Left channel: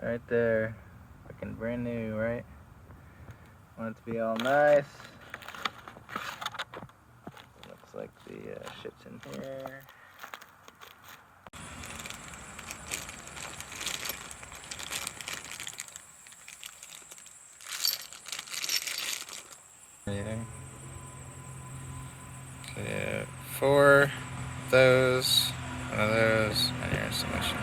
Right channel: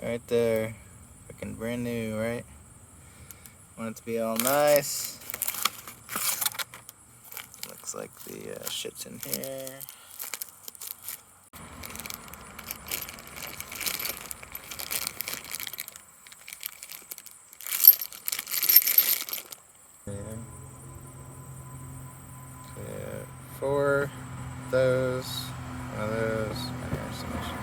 that right there. Looking brand new, right? Want it to be all nice. Looks like the shit's in here. Yeah, 4 of those, 1 of those, and your installation.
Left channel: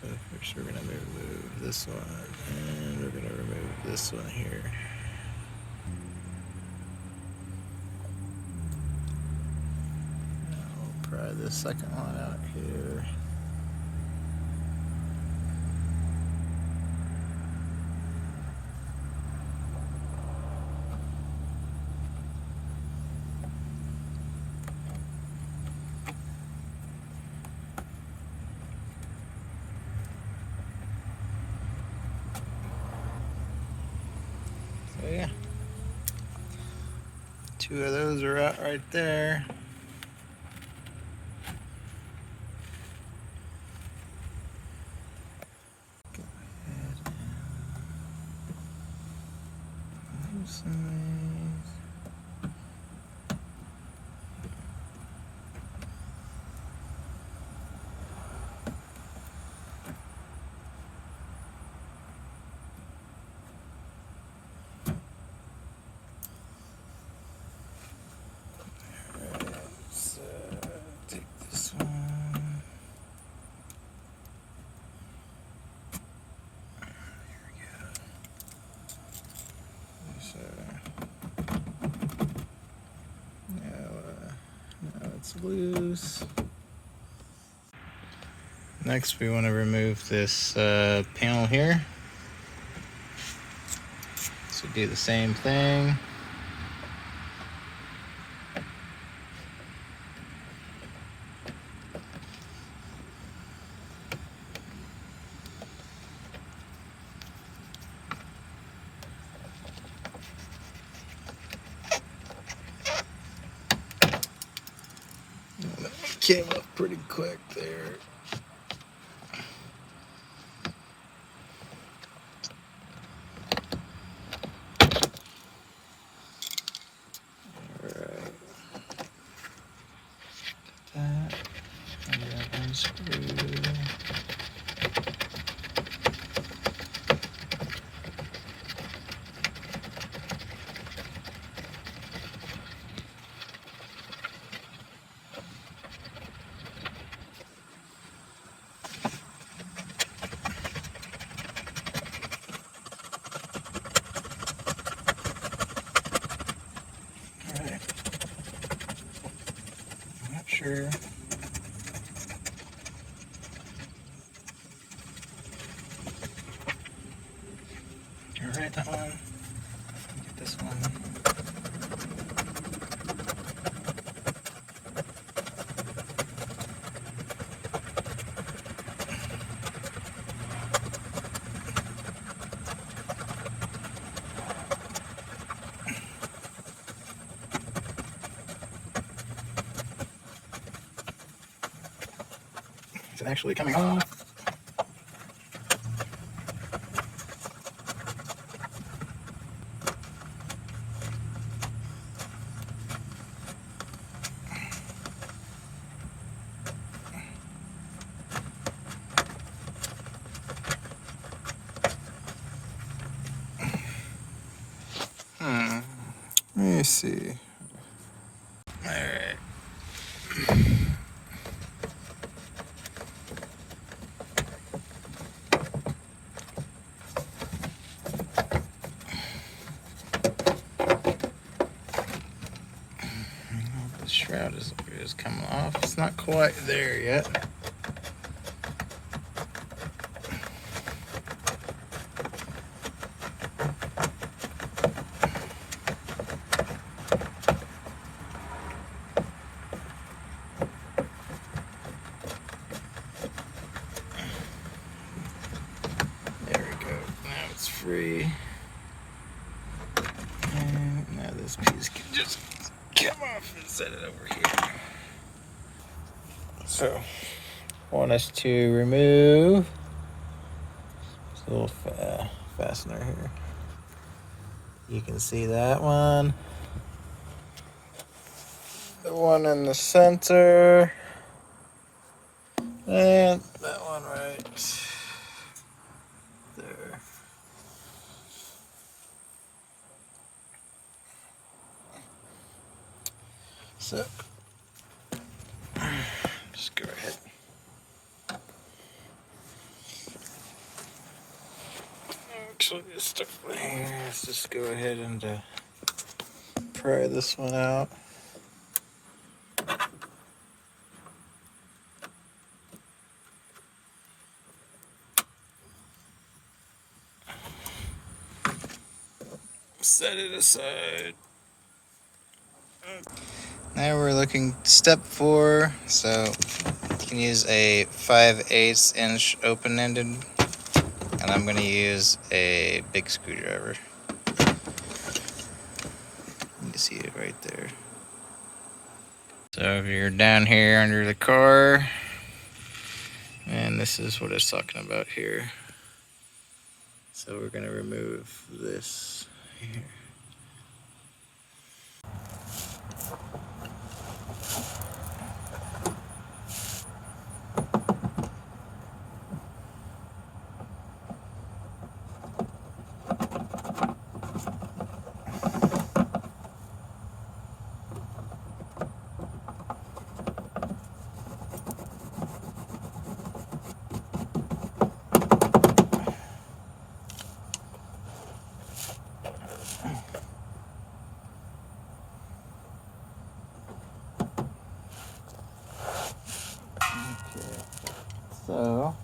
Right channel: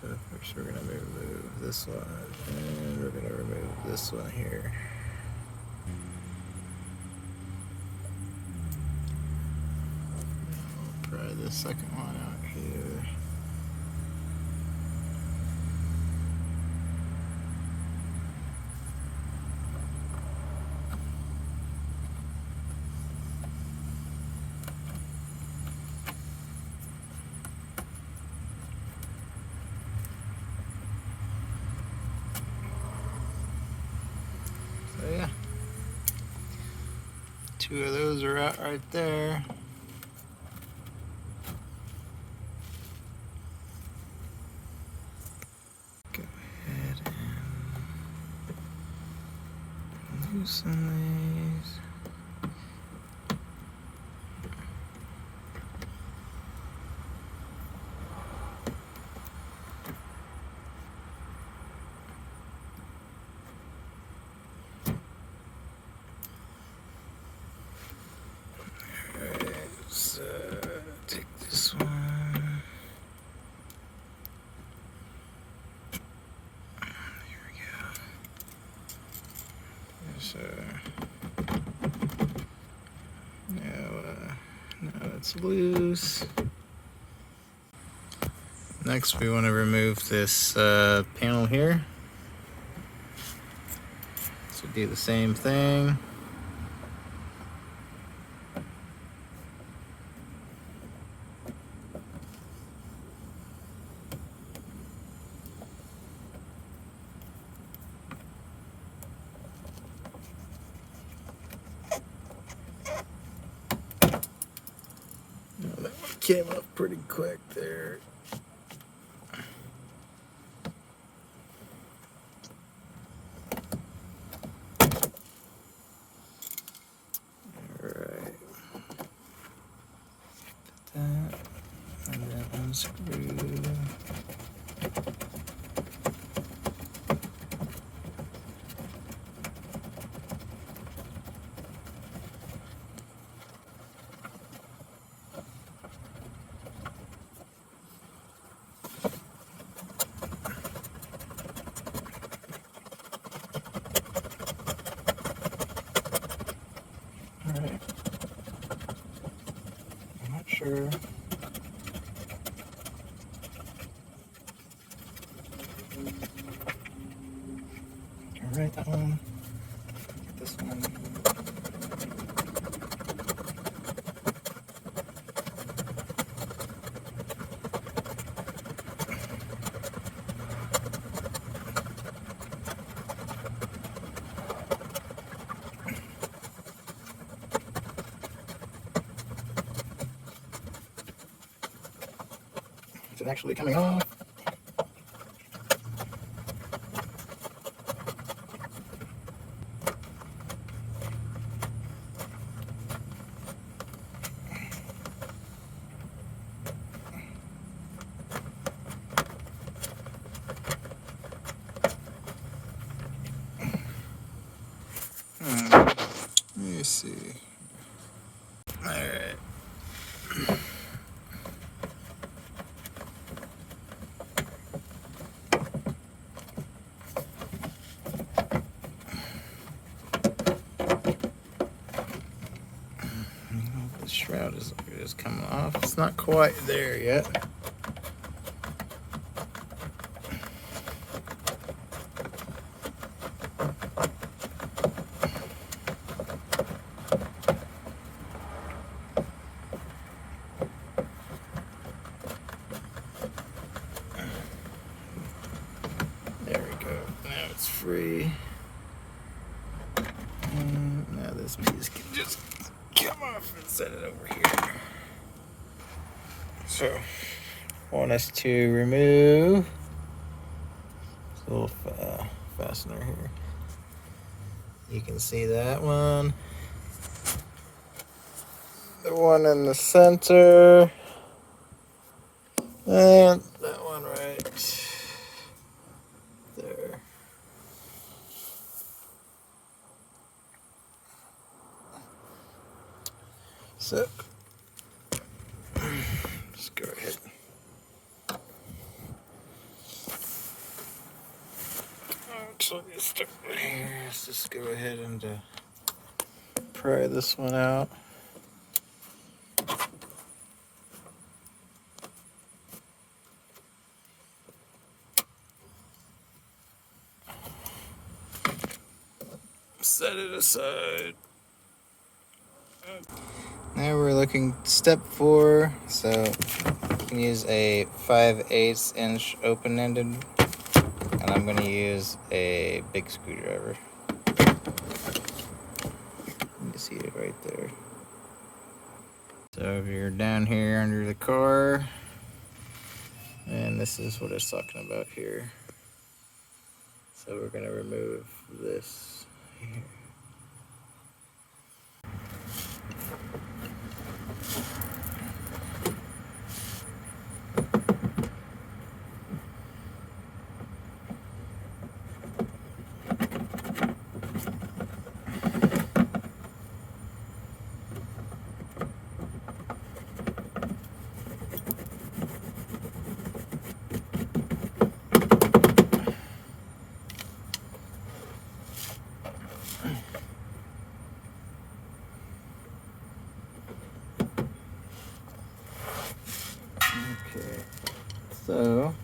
So first we're gonna remove this one, and we're gonna remove this one here. We'll pry this second one out here. So yeah, 2 of those are out right there. Go ahead and loosen these. So take this one. Here we go. So now it's loose. Next, we want to remove this panel here. So do the same thing. That one came up pretty quick there. Alright. Put that, and that unscrew. Alright. Not sure. Alright, that one. Get this one. It's actually coming off. Let me see. All right. The shroud is coming off. It's not quite there yet. There we go. just come off and set it over here. So, I want us to remove this little fastener here. You can see that one. The one in the center. And that one right there. So, just go ahead. Actually, it's stuck right here. Let's just go ahead and pry this one out. Set it aside. Now we're looking step 4. So you can use a 5/8 inch open-ended, and I'm going to use a big screwdriver. You can see it right there. So if you're down here under the car, and this is what it's talking about here. So we're going to remove this here. Okay, so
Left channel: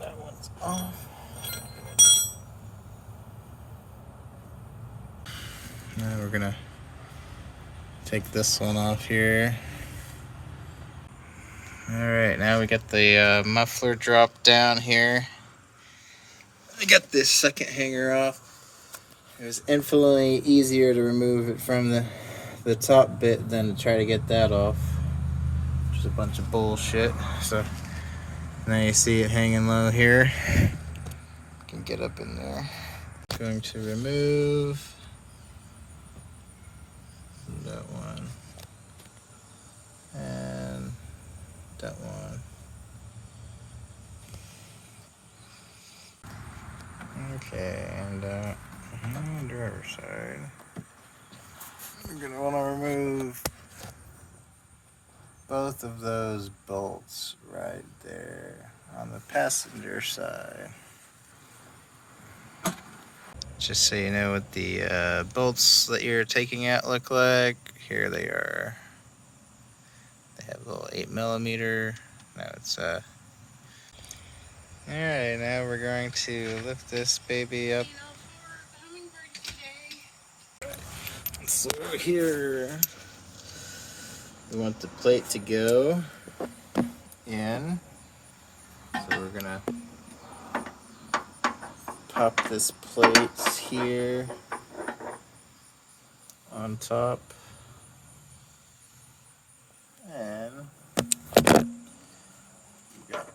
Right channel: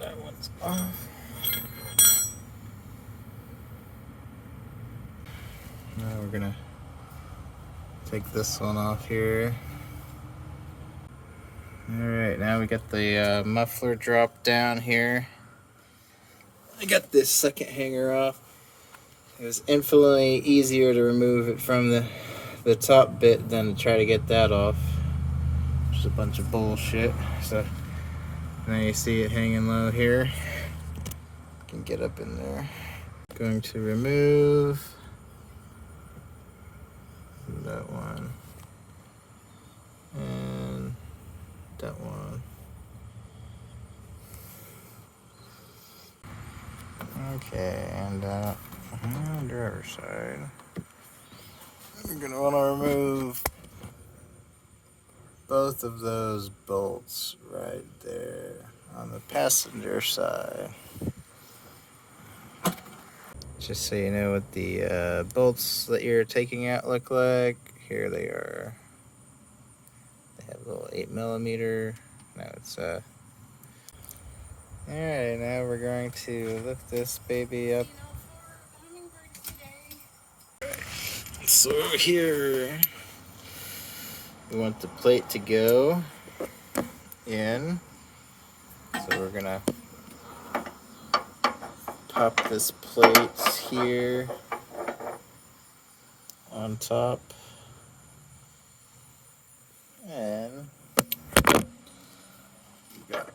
that one's off. Now we're gonna take this one off here. Alright, now we got the muffler drop down here. I got this second hanger off. It was infinitely easier to remove it from the top bit than to try to get that off. Just a bunch of bullshit. So now you see it hanging low here. Can get up in there. Going to remove that one and that one. Okay, and driver's side. You're gonna want to remove both of those bolts right there on the passenger side. Just so you know what the bolts that you're taking out look like. Here they are. They have a little 8mm. Now it's Alright, now we're going to lift this baby up. So here we want the plate to go in. So we're gonna pop this plate here on top, and you got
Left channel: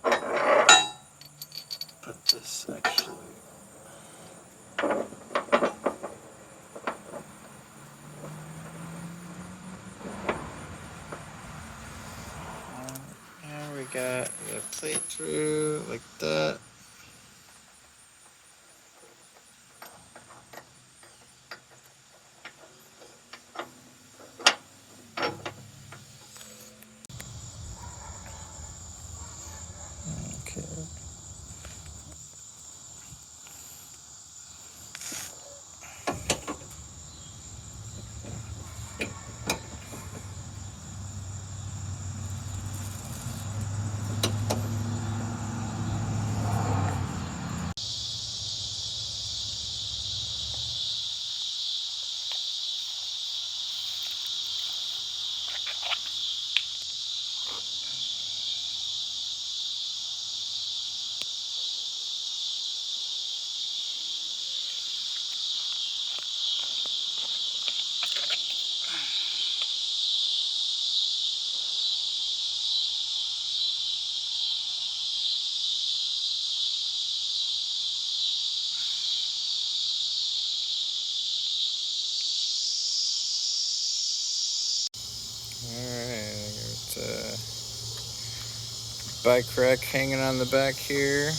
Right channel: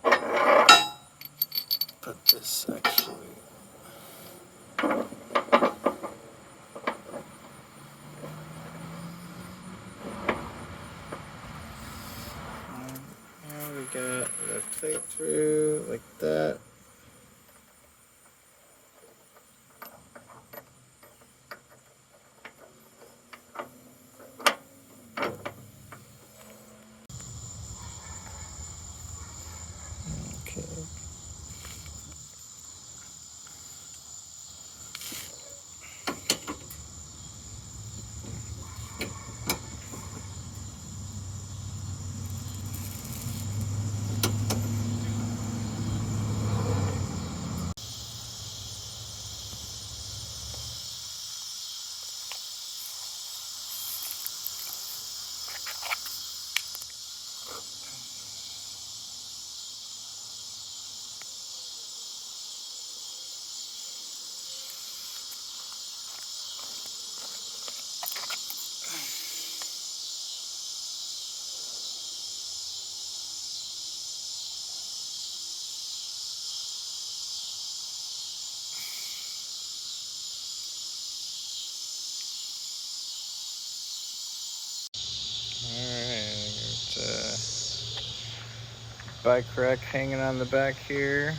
put this actually. Now we got the plate through like that. Okay. Alright, I got bike rack hanging on the back here.